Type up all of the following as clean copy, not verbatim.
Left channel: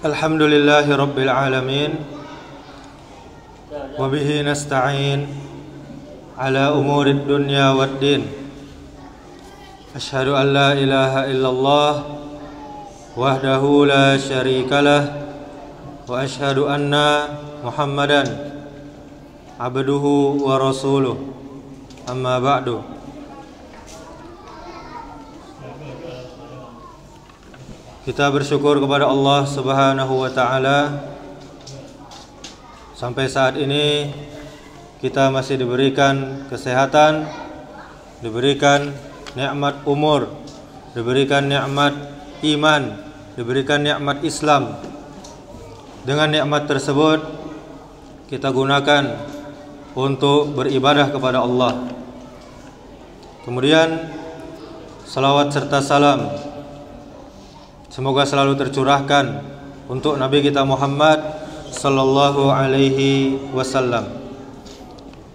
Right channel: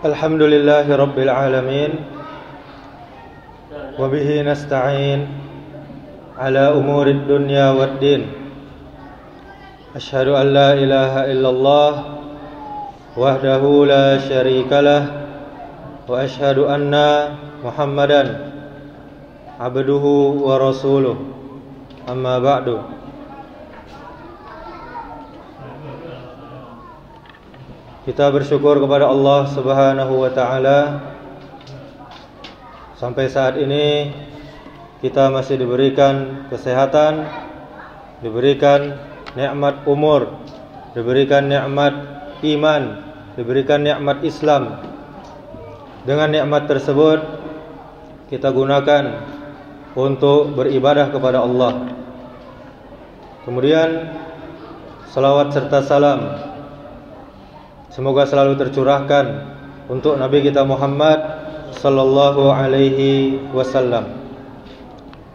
Alhamdulillahi Rabbil Alamin. Wabihi nasta'in ala umurid dunya waddin. Ashhadu an la ilaha illallah wahdahu la syarikalah. Wa ashhadu anna Muhammadan abduhu wa rasuluh. Amma ba'du. Kita bersyukur kepada Allah Subhanahu wa ta'ala. Sampai saat ini kita masih diberikan kesehatan, diberikan nikmat umur, diberikan nikmat iman, diberikan nikmat Islam. Dengan nikmat tersebut kita gunakan untuk beribadah kepada Allah. Kemudian salawat serta salam semoga selalu tercurahkan untuk Nabi kita Muhammad sallallahu alaihi wasallam.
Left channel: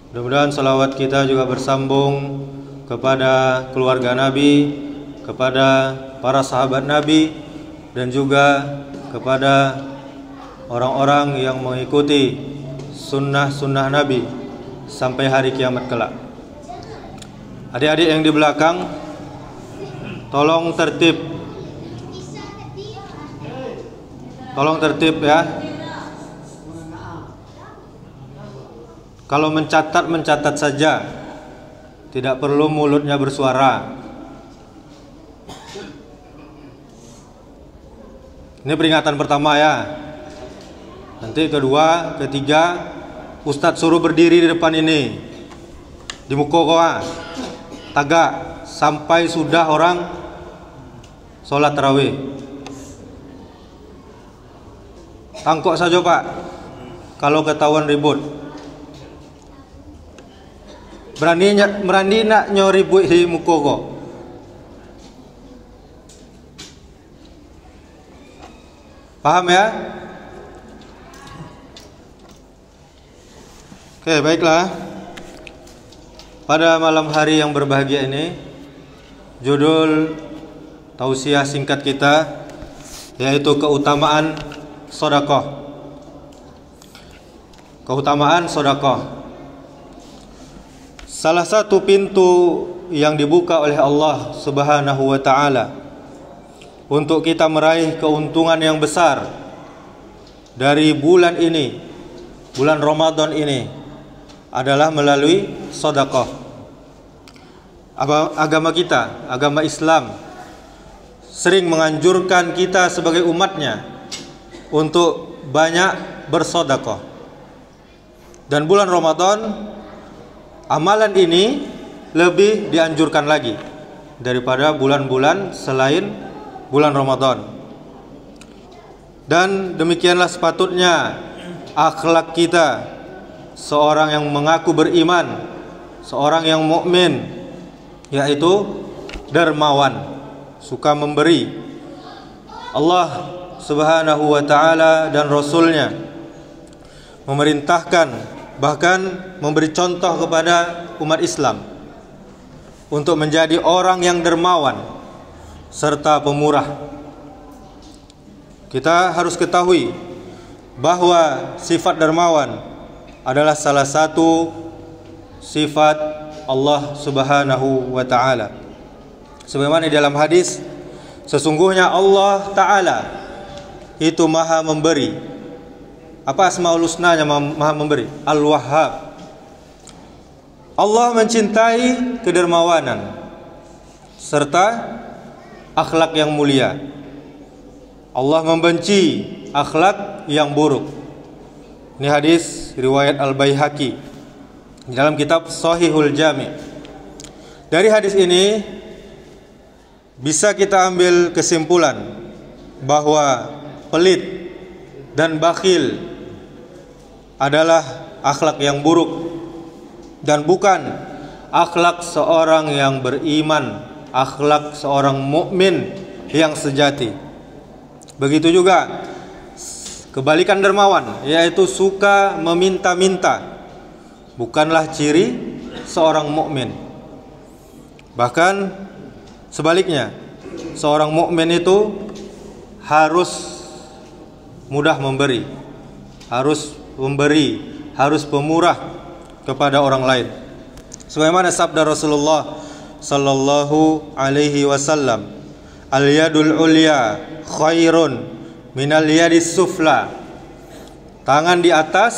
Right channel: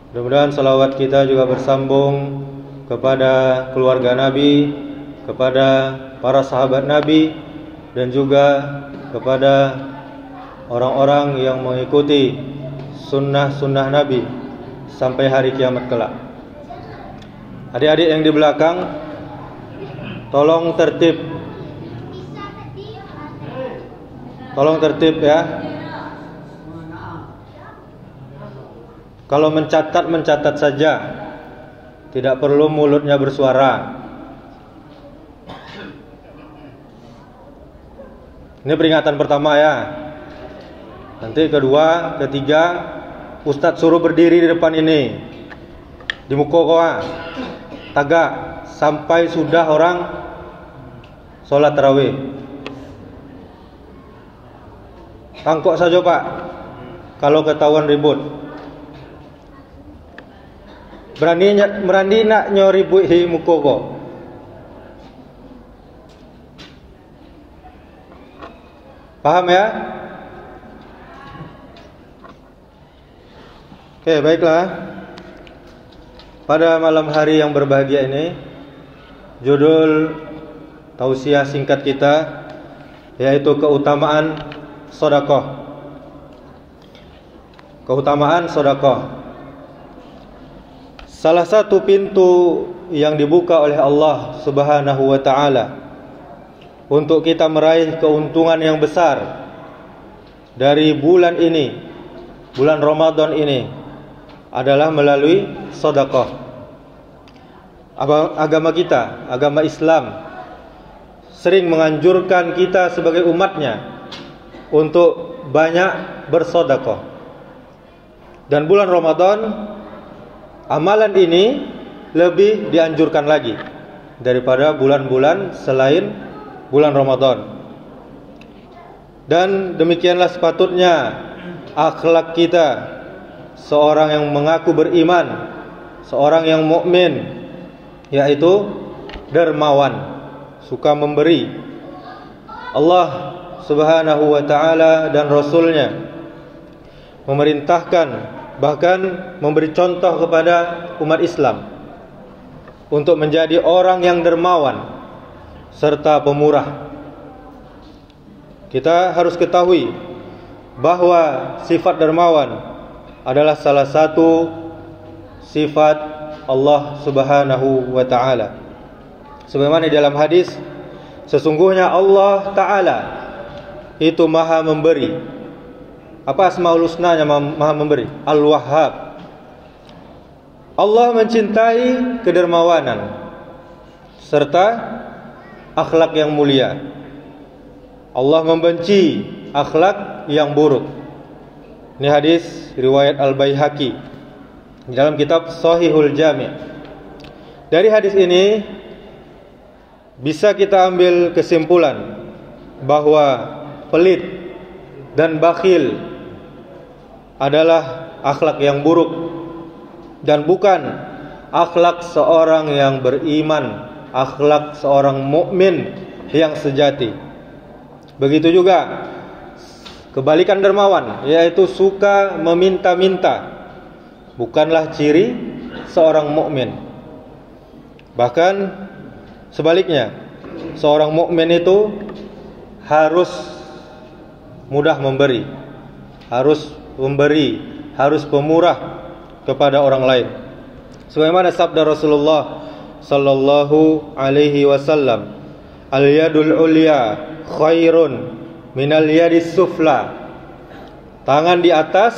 Mudah-mudahan salawat kita juga bersambung kepada keluarga Nabi, kepada para sahabat Nabi, dan juga kepada orang-orang yang mengikuti sunnah-sunnah Nabi sampai hari kiamat kelak. Adik-adik yang di belakang, tolong tertib. Tolong tertib ya. Kalau mencatat saja, tidak perlu mulutnya bersuara. Ini peringatan pertama ya. Nanti kedua, ketiga, Ustadz suruh berdiri di depan ini, di mukokoa, tagak sampai sudah orang sholat tarawih. Tangkok saja Pak, kalau ketahuan ribut. Berani nak nyoribut hi mukoko. Paham ya? Oke, baiklah. Pada malam hari yang berbahagia ini, judul tausiah singkat kita yaitu keutamaan sedekah. Keutamaan sedekah. Salah satu pintu yang dibuka oleh Allah Subhanahu wa taala untuk kita meraih keuntungan yang besar dari bulan ini, bulan Ramadan ini, adalah melalui sedekah. Agama kita, agama Islam, sering menganjurkan kita sebagai umatnya untuk banyak bersedekah. Dan bulan Ramadan, amalan ini lebih dianjurkan lagi daripada bulan-bulan selain bulan Ramadan. Dan demikianlah sepatutnya akhlak kita, seorang yang mengaku beriman, seorang yang mukmin, yaitu dermawan, suka memberi. Allah Subhanahu wa ta'ala dan Rasulnya memerintahkan, bahkan memberi contoh kepada umat Islam untuk menjadi orang yang dermawan serta pemurah. Kita harus ketahui bahwa sifat dermawan adalah salah satu sifat Allah Subhanahu wa ta'ala. Sebagaimana di dalam hadis, sesungguhnya Allah Ta'ala itu maha memberi. Apa asmaul husnanya maha memberi? Al-Wahhab. Allah mencintai kedermawanan serta akhlak yang mulia. Allah membenci akhlak yang buruk. Ini hadis riwayat Al-Baihaqi di dalam kitab Shahihul Jami'. Dari hadis ini bisa kita ambil kesimpulan bahwa pelit dan bakhil adalah akhlak yang buruk dan bukan akhlak seorang yang beriman, akhlak seorang mukmin yang sejati. Begitu juga kebalikan dermawan, yaitu suka meminta-minta, bukanlah ciri seorang mukmin. Bahkan sebaliknya, seorang mukmin itu harus mudah memberi, harus memberi, harus pemurah kepada orang lain. Sebagaimana sabda Rasulullah sallallahu alaihi wasallam, al-yadul ulya khairun minal yadis sufla. Tangan di atas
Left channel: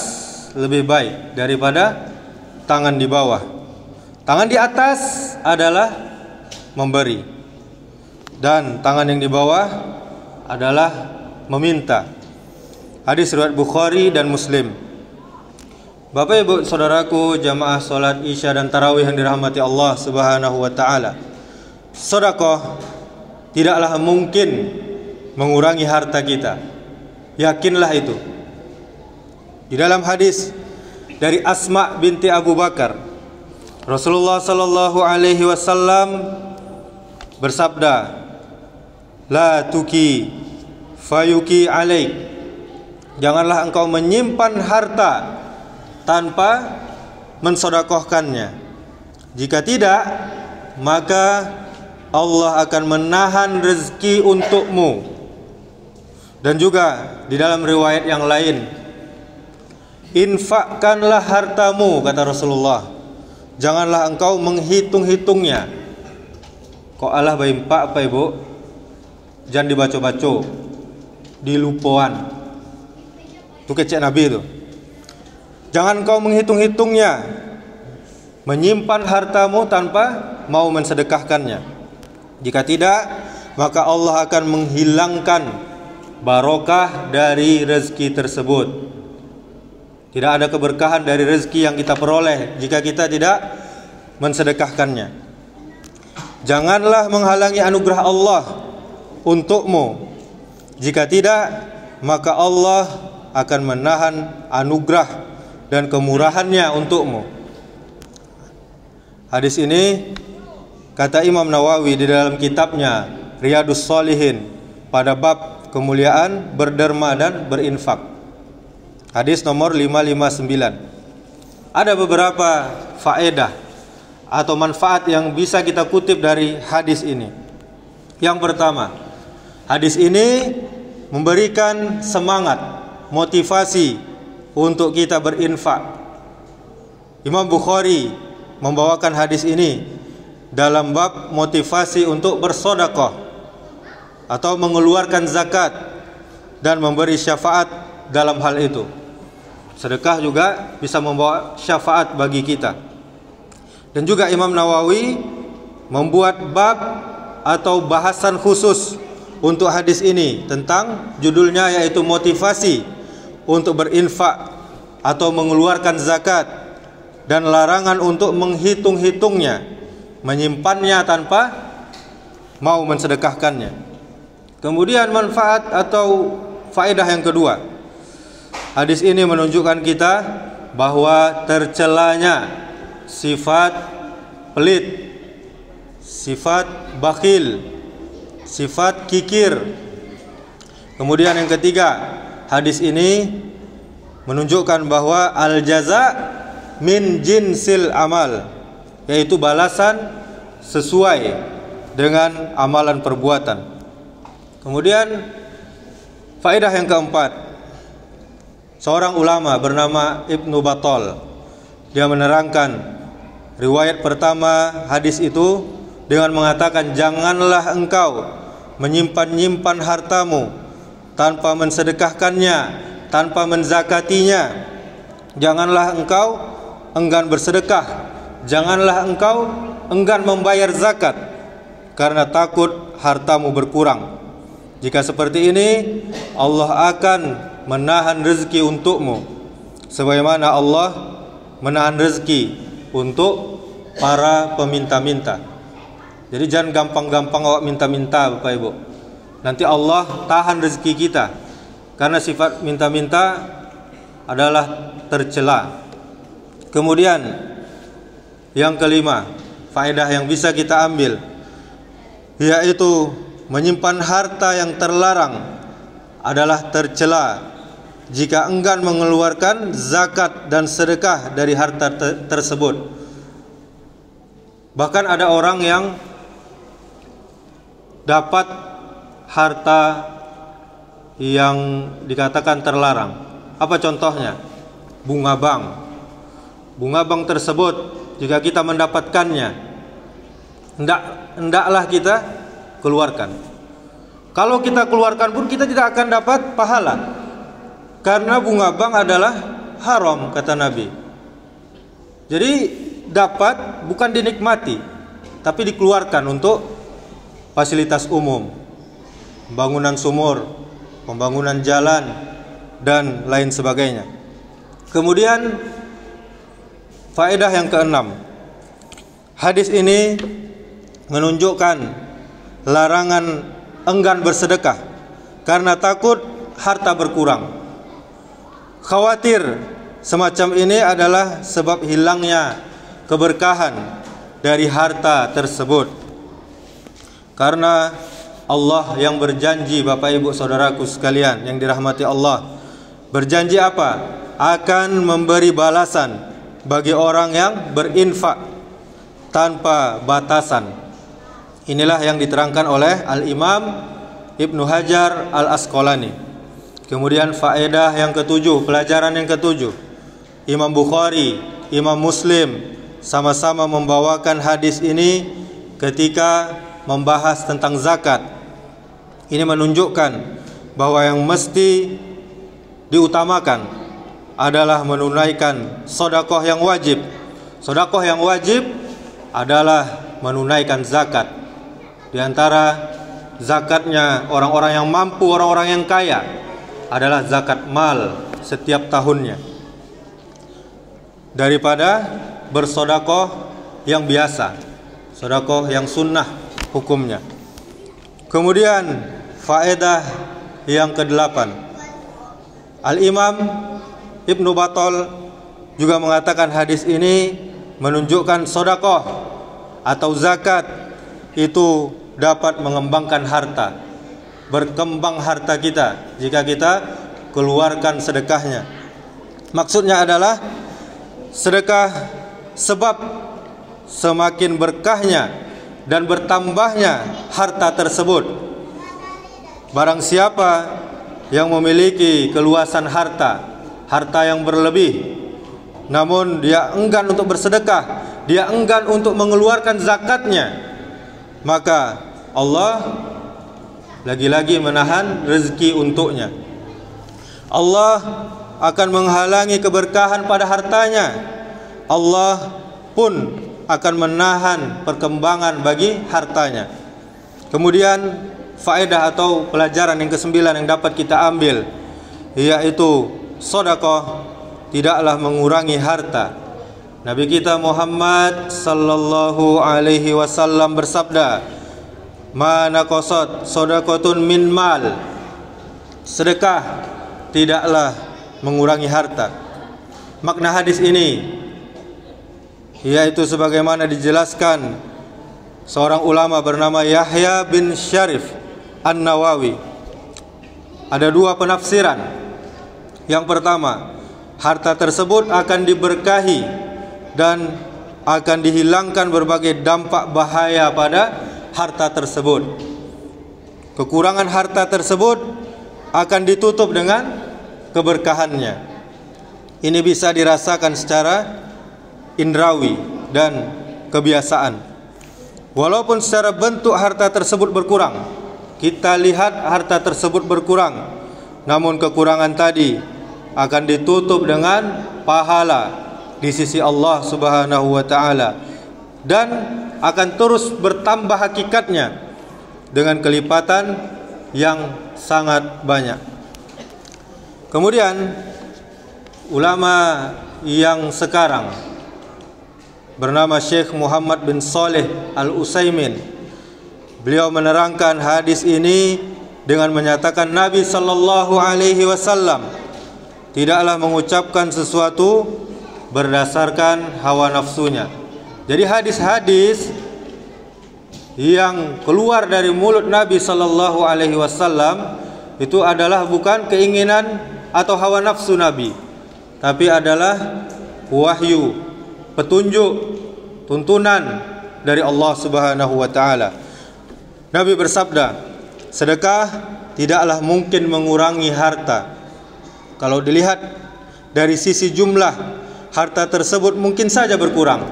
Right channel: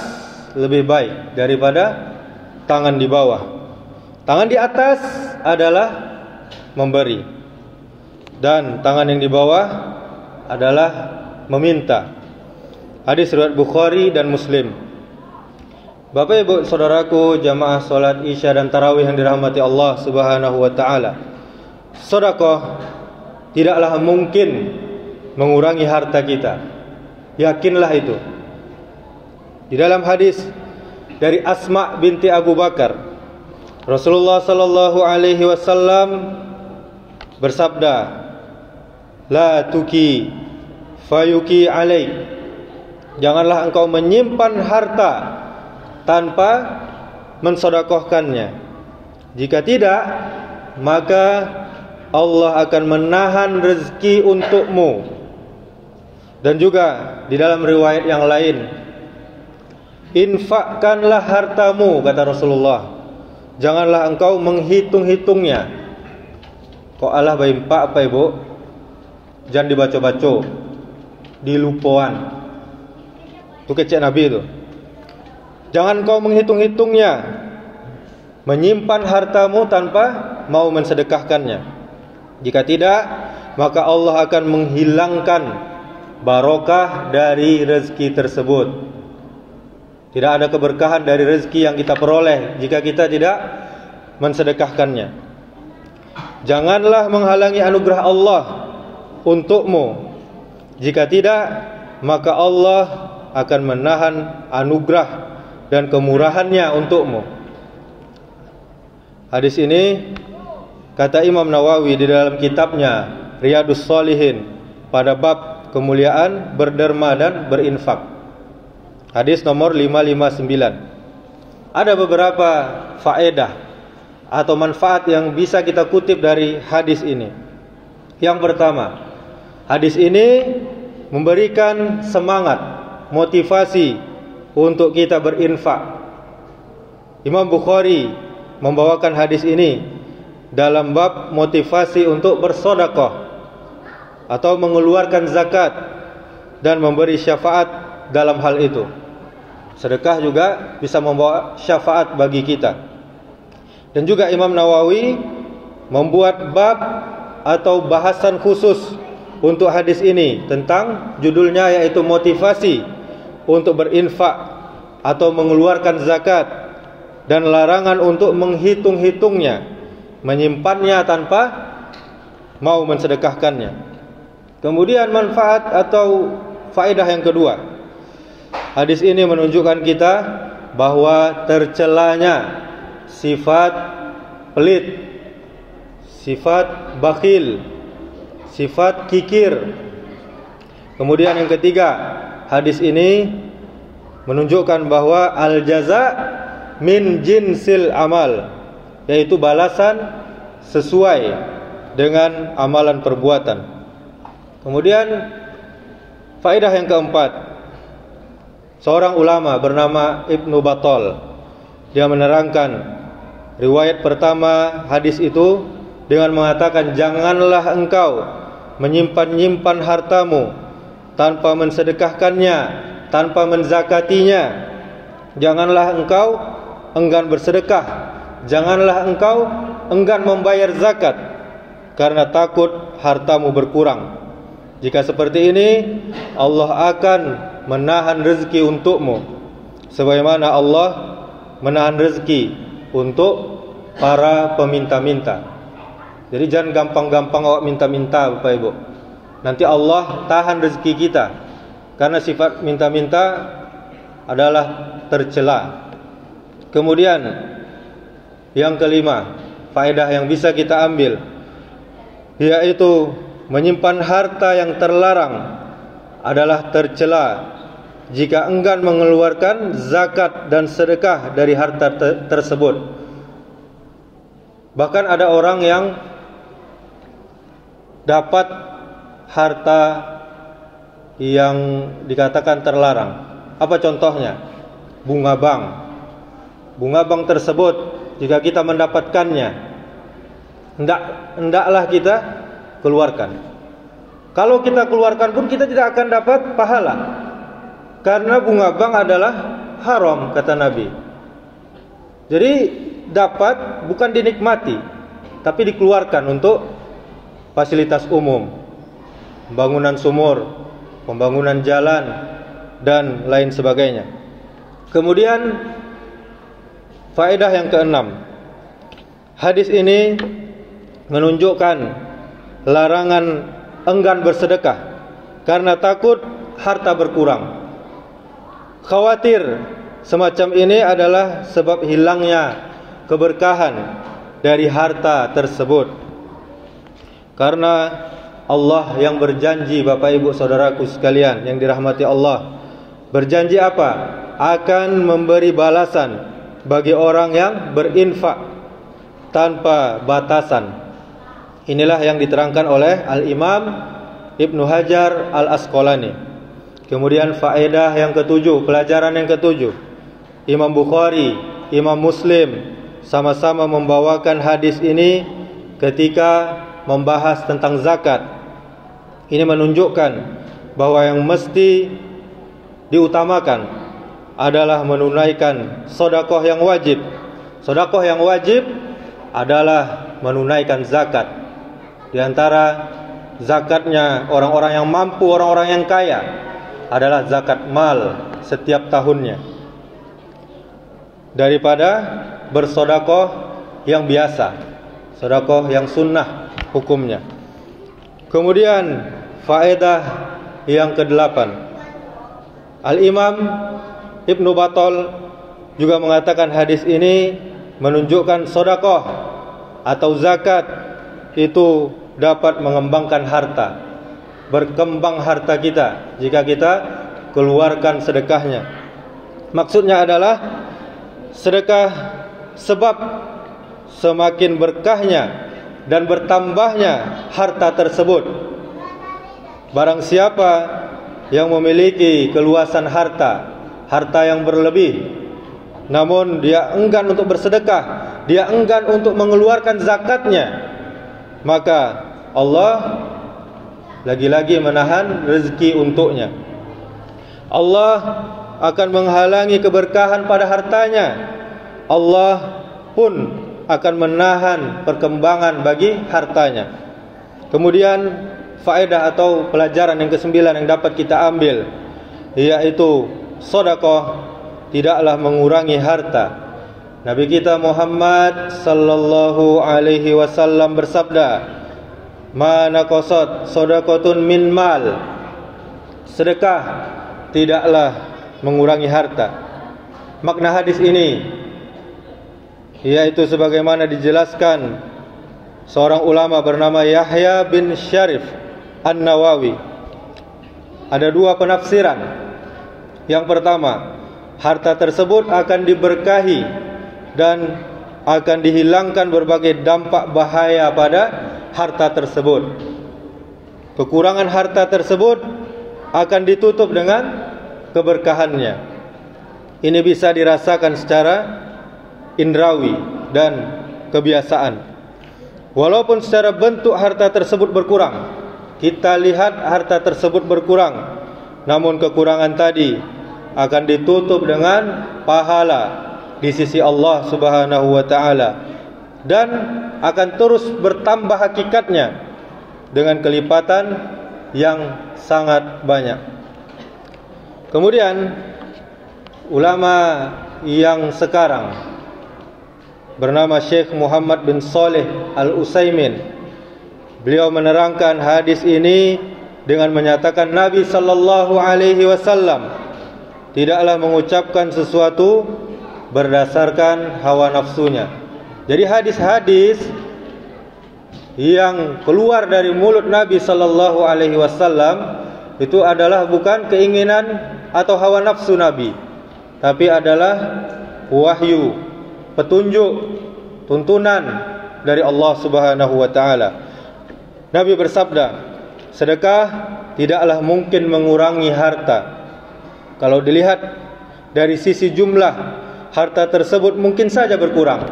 lebih baik daripada tangan di bawah. Tangan di atas adalah memberi, dan tangan yang di bawah adalah meminta. Hadis riwayat Bukhari dan Muslim. Bapak Ibu saudaraku jamaah salat Isya dan Tarawih yang dirahmati Allah Subhanahu wa taala. Sedekah tidaklah mungkin mengurangi harta kita. Yakinlah itu. Di dalam hadis dari Asma binti Abu Bakar, Rasulullah sallallahu alaihi wasallam bersabda, "La tuki fayuki alaik." Janganlah engkau menyimpan harta tanpa mensedekahkannya. Jika tidak, maka Allah akan menahan rezeki untukmu. Dan juga di dalam riwayat yang lain, infakkanlah hartamu, kata Rasulullah. Janganlah engkau menghitung-hitungnya. Kok Allah baimpak apa ibu? Jangan dibaca-baca, dilupuan. Itu kecek Nabi itu. Jangan kau menghitung-hitungnya, menyimpan hartamu tanpa mau mensedekahkannya. Jika tidak, maka Allah akan menghilangkan barokah dari rezeki tersebut. Tidak ada keberkahan dari rezeki yang kita peroleh jika kita tidak mensedekahkannya. Janganlah menghalangi anugerah Allah untukmu. Jika tidak, maka Allah akan menahan anugerah dan kemurahannya untukmu. Hadis ini kata Imam Nawawi di dalam kitabnya Riyadhus Shalihin pada bab kemuliaan berderma dan berinfak. Hadis nomor 559. Ada beberapa faedah atau manfaat yang bisa kita kutip dari hadis ini. Yang pertama, hadis ini memberikan semangat, motivasi untuk kita berinfak. Imam Bukhari membawakan hadis ini dalam bab motivasi untuk bersedekah atau mengeluarkan zakat dan memberi syafaat dalam hal itu. Sedekah juga bisa membawa syafaat bagi kita. Dan juga Imam Nawawi membuat bab atau bahasan khusus untuk hadis ini tentang judulnya, yaitu motivasi untuk berinfak atau mengeluarkan zakat dan larangan untuk menghitung-hitungnya, menyimpannya tanpa mau mensedekahkannya. Kemudian manfaat atau faedah yang kedua, hadis ini menunjukkan kita bahwa tercelanya sifat pelit, sifat bakhil, sifat kikir. Kemudian yang ketiga, hadis ini menunjukkan bahwa al-jaza min jinsil amal, yaitu balasan sesuai dengan amalan perbuatan. Kemudian faedah yang keempat, seorang ulama bernama Ibnu Battal, dia menerangkan riwayat pertama hadis itu dengan mengatakan, janganlah engkau menyimpan-nyimpan hartamu tanpa mensedekahkannya, tanpa menzakatinya. Janganlah engkau enggan bersedekah, janganlah engkau enggan membayar zakat, karena takut hartamu berkurang. Jika seperti ini, Allah akan menahan rezeki untukmu, sebagaimana Allah menahan rezeki untuk para peminta-minta. Jadi jangan gampang-gampang awak minta-minta, Bapak Ibu. Nanti Allah tahan rezeki kita, karena sifat minta-minta adalah tercela. Kemudian yang kelima, faedah yang bisa kita ambil, yaitu menyimpan harta yang terlarang adalah tercela jika enggan mengeluarkan zakat dan sedekah dari harta tersebut. Bahkan ada orang yang dapat harta yang dikatakan terlarang. Apa contohnya? Bunga bank. Bunga bank tersebut jika kita mendapatkannya, hendaklah kita keluarkan. Kalau kita keluarkan pun kita tidak akan dapat pahala, karena bunga bank adalah haram, kata Nabi. Jadi dapat bukan dinikmati, tapi dikeluarkan untuk fasilitas umum, pembangunan sumur, pembangunan jalan, dan lain sebagainya. Kemudian faedah yang keenam, hadis ini menunjukkan larangan enggan bersedekah karena takut harta berkurang. Khawatir semacam ini adalah sebab hilangnya keberkahan dari harta tersebut. Karena Allah yang berjanji, Bapak Ibu Saudaraku sekalian yang dirahmati Allah, berjanji apa? Akan memberi balasan bagi orang yang berinfak tanpa batasan. Inilah yang diterangkan oleh Al-Imam Ibnu Hajar Al-Asqalani. Kemudian faedah yang ketujuh, pelajaran yang ketujuh, Imam Bukhari, Imam Muslim sama-sama membawakan hadis ini ketika membahas tentang zakat. Ini menunjukkan bahwa yang mesti diutamakan adalah menunaikan sedekah yang wajib. Sedekah yang wajib adalah menunaikan zakat. Di antara zakatnya orang-orang yang mampu, orang-orang yang kaya, adalah zakat mal setiap tahunnya, daripada bersedekah yang biasa, sedekah yang sunnah hukumnya. Kemudian faedah yang kedelapan, Al-Imam Ibnu Battal juga mengatakan hadis ini menunjukkan sedekah atau zakat itu dapat mengembangkan harta, berkembang harta kita jika kita keluarkan sedekahnya. Maksudnya adalah sedekah sebab semakin berkahnya dan bertambahnya harta tersebut. Barang siapa yang memiliki keluasan harta, harta yang berlebih, namun dia enggan untuk bersedekah, dia enggan untuk mengeluarkan zakatnya, maka Allah lagi-lagi menahan rezeki untuknya. Allah akan menghalangi keberkahan pada hartanya. Allah pun akan menahan perkembangan bagi hartanya. Kemudian faedah atau pelajaran yang kesembilan yang dapat kita ambil, yaitu sedekah tidaklah mengurangi harta. Nabi kita Muhammad sallallahu alaihi wasallam bersabda, "Ma naqasat shadaqatun min mal." Sedekah tidaklah mengurangi harta. Makna hadis ini yaitu sebagaimana dijelaskan seorang ulama bernama Yahya bin Syarif An-Nawawi. Ada dua penafsiran. Yang pertama, harta tersebut akan diberkahi dan akan dihilangkan berbagai dampak bahaya pada harta tersebut. Kekurangan harta tersebut akan ditutup dengan keberkahannya. Ini bisa dirasakan secara indrawi dan kebiasaan. Walaupun secara bentuk harta tersebut berkurang, kita lihat harta tersebut berkurang, namun kekurangan tadi akan ditutup dengan pahala di sisi Allah Subhanahu wa taala dan akan terus bertambah hakikatnya dengan kelipatan yang sangat banyak. Kemudian ulama yang sekarang bernama Syekh Muhammad bin Saleh Al-Utsaimin, beliau menerangkan hadis ini dengan menyatakan Nabi sallallahu alaihi wasallam tidaklah mengucapkan sesuatu berdasarkan hawa nafsunya. Jadi hadis-hadis yang keluar dari mulut Nabi sallallahu alaihi wasallam itu adalah bukan keinginan atau hawa nafsu Nabi, tapi adalah wahyu, petunjuk, tuntunan dari Allah Subhanahu wa taala. Nabi bersabda, sedekah tidaklah mungkin mengurangi harta. Kalau dilihat dari sisi jumlah, harta tersebut mungkin saja berkurang.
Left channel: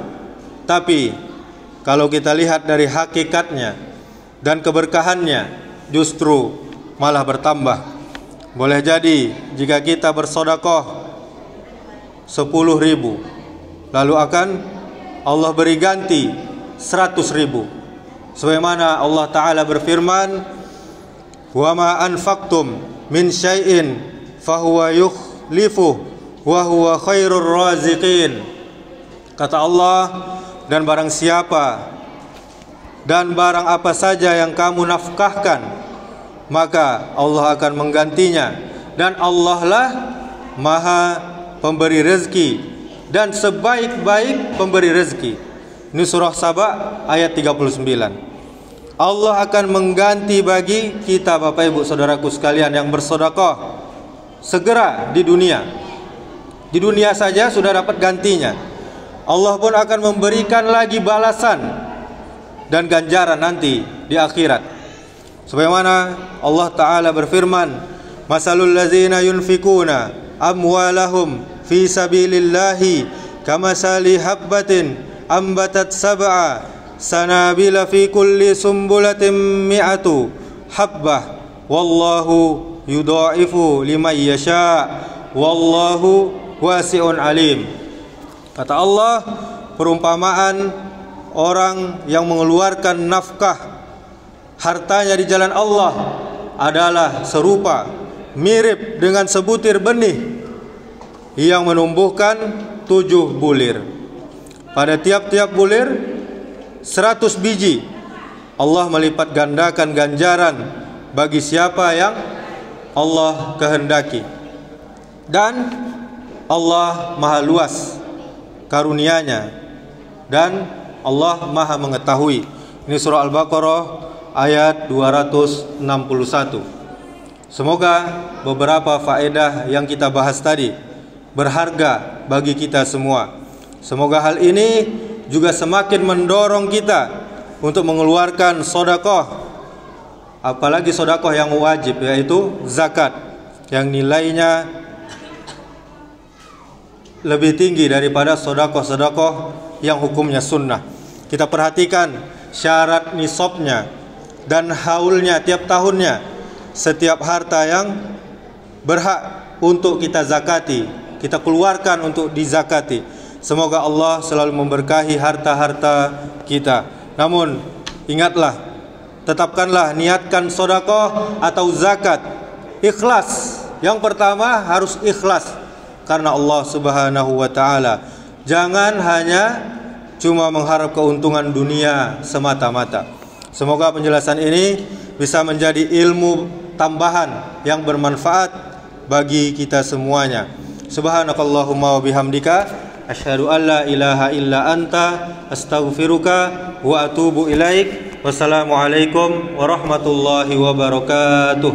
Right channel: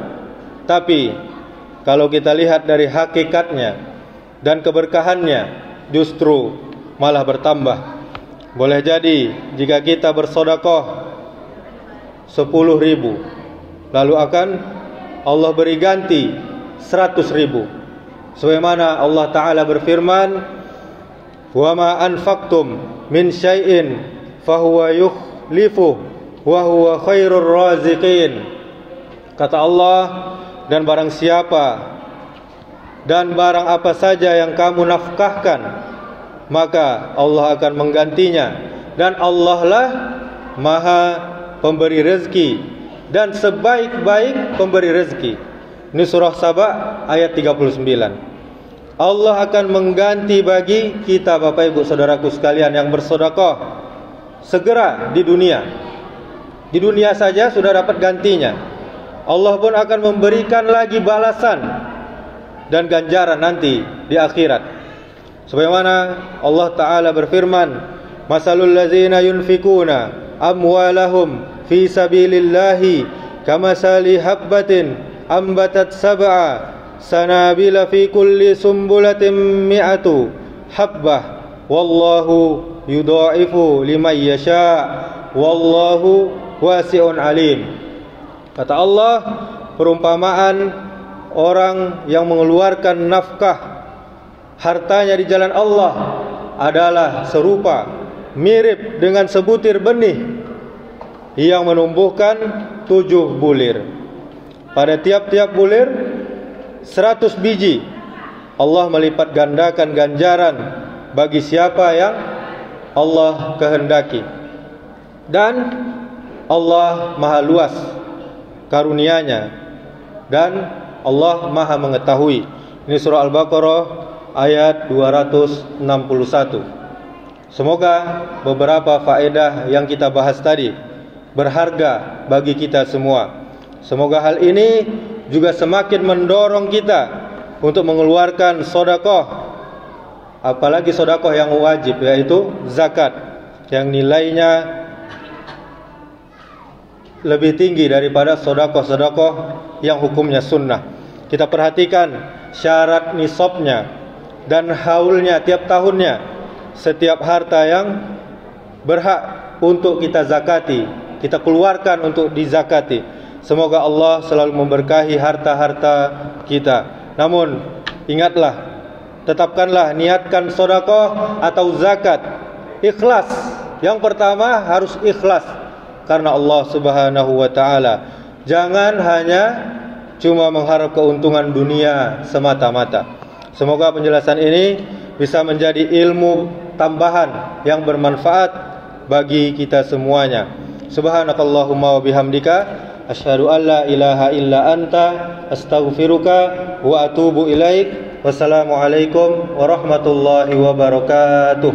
Tapi kalau kita lihat dari hakikatnya dan keberkahannya, justru malah bertambah. Boleh jadi jika kita bersedekah 10.000, lalu akan Allah beri ganti 100.000. Sebagaimana Allah Ta'ala berfirman, "Wa ma anfaqtum min syai'in fahuwa yukhlifuh wa huwa khairur raziqin." Kata Allah, dan barang siapa dan barang apa saja yang kamu nafkahkan, maka Allah akan menggantinya, dan Allah lah Maha pemberi rezeki dan sebaik-baik pemberi rezeki. Ini surah Saba ayat 39. Allah akan mengganti bagi kita, Bapak Ibu Saudaraku sekalian yang bersedekah, segera di dunia. Di dunia saja sudah dapat gantinya. Allah pun akan memberikan lagi balasan dan ganjaran nanti di akhirat. Sebagaimana Allah Ta'ala berfirman, "Masalul ladzina yunfikuna amwalahum fi sabilillahi kamasali habbatin ambatat sab'a sanabila fi kulli sumbulatin mi'atu habbah wallahu yudha'ifu liman yasha wallahu wasi'un alim." Kata Allah, perumpamaan orang yang mengeluarkan nafkah hartanya di jalan Allah adalah serupa, mirip dengan sebutir benih yang menumbuhkan 7 bulir. Pada tiap-tiap bulir 100 biji. Allah melipat gandakan ganjaran bagi siapa yang Allah kehendaki. Dan Allah maha luas karunia-Nya, dan Allah maha mengetahui. Ini surah Al-Baqarah ayat 261. Semoga beberapa faedah yang kita bahas tadi berharga bagi kita semua. Semoga hal ini juga semakin mendorong kita untuk mengeluarkan sedekah, apalagi sedekah yang wajib, yaitu zakat, yang nilainya lebih tinggi daripada sedekah-sedekah yang hukumnya sunnah. Kita perhatikan syarat nisabnya dan haulnya tiap tahunnya. Setiap harta yang berhak untuk kita zakati, kita keluarkan untuk dizakati. Semoga Allah selalu memberkahi harta-harta kita. Namun ingatlah, tetapkanlah, niatkan sedekah atau zakat ikhlas. Yang pertama harus ikhlas karena Allah Subhanahu wa taala. Jangan hanya cuma mengharap keuntungan dunia semata-mata. Semoga penjelasan ini bisa menjadi ilmu tambahan yang bermanfaat bagi kita semuanya. Subhanakallahumma wa bihamdika asyhadu an la ilaha illa anta astaghfiruka wa atubu ilaik. Wassalamualaikum warahmatullahi wabarakatuh.